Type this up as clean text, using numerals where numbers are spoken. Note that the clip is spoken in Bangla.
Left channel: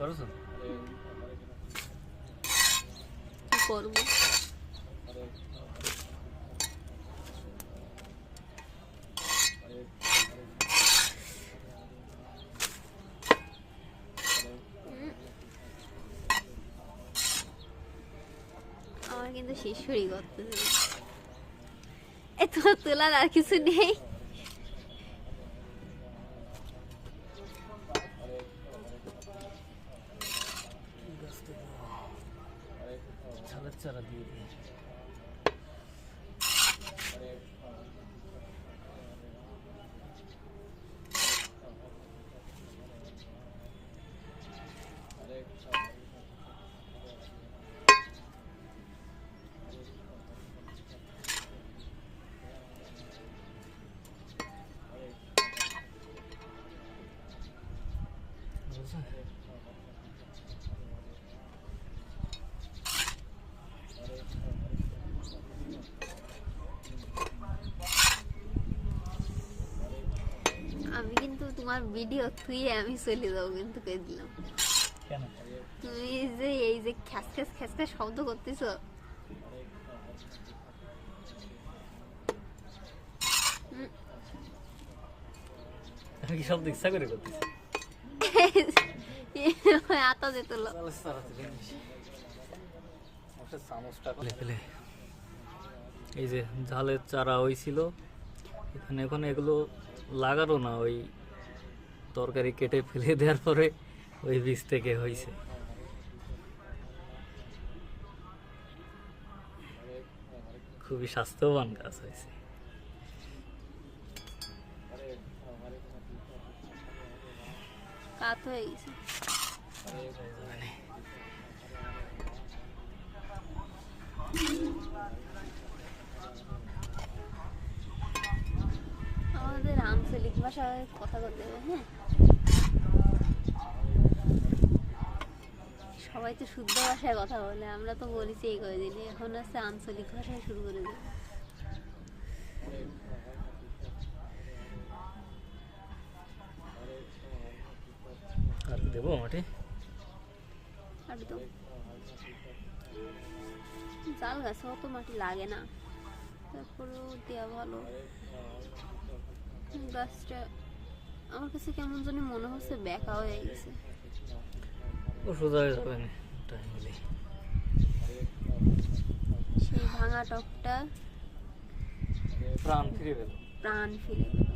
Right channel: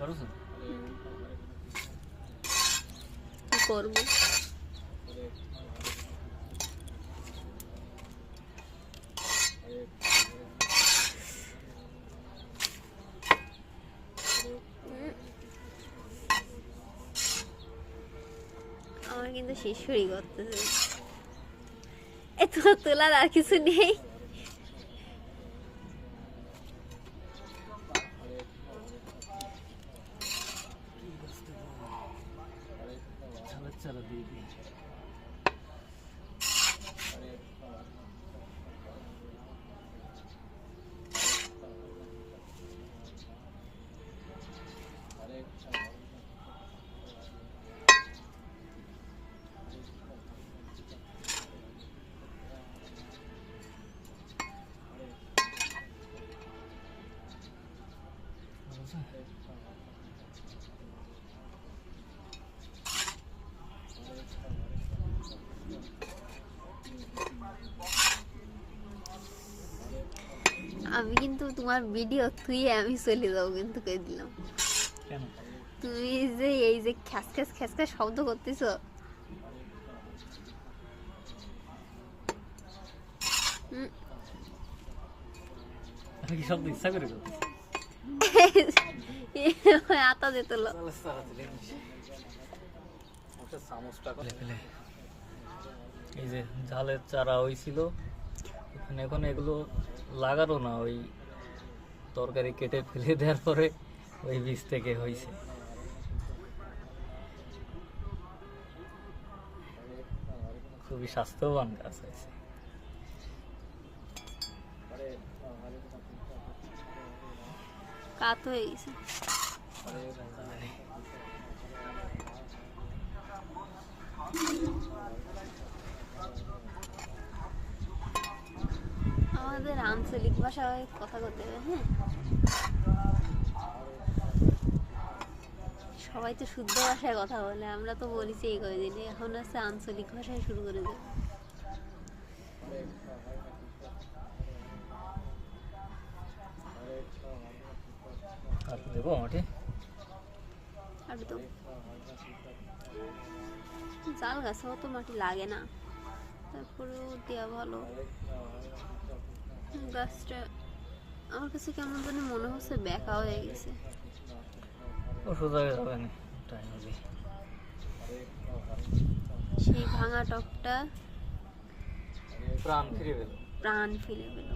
কি করবো? আমার কিন্তু শিশুরি করতেছে। এত তোলার আর কিছু নেই। চারা দিয়ে দিই। আমি কিন্তু তোমার ভিডিও তুই আমি চলে যাবো কিন্তু কে দিলাম। কেন? তুমি যে এই যে খ্যাস খ্যাস খ্যাস খ্যাস শব্দ করতেছ, আমি কি শব্দ ইচ্ছা করে করতেছি? আতা যেত এই যে ঝালের চারা হয়েছিল এখানে, এখন এগুলো লাগানো না, ওই তরকারি কেটে ফেলে দেওয়ার পরে ওই বীজ থেকে হয়েছে। খুবই স্বাস্থ্যবান গাছ হয়েছে। কাত হয়ে গেছে। আমাদের আঞ্চলিক ভাষায় কথা বলতে হবে। হ্যাঁ, সবাই তো শুদ্ধ ভাষায় কথা বলে, আমরা তো বলেছি এই কয়েকদিন, এখন আছে আঞ্চলিক ভাষায় শুরু করে দেবে। দেবো মাটি একদম জাল গাছেও তো মাটি লাগে না, তারপরেও দেওয়া ভালো। গাছটা আমার কাছে কেমন জানি মনে হচ্ছে বেঁকা হয়ে গেছে। ওষুধ হয়ে যাবে না টাইম হলে। সেই ভাঙা টকটা প্রাণ ফিরে পেল। প্রাণ ফিরে পেল।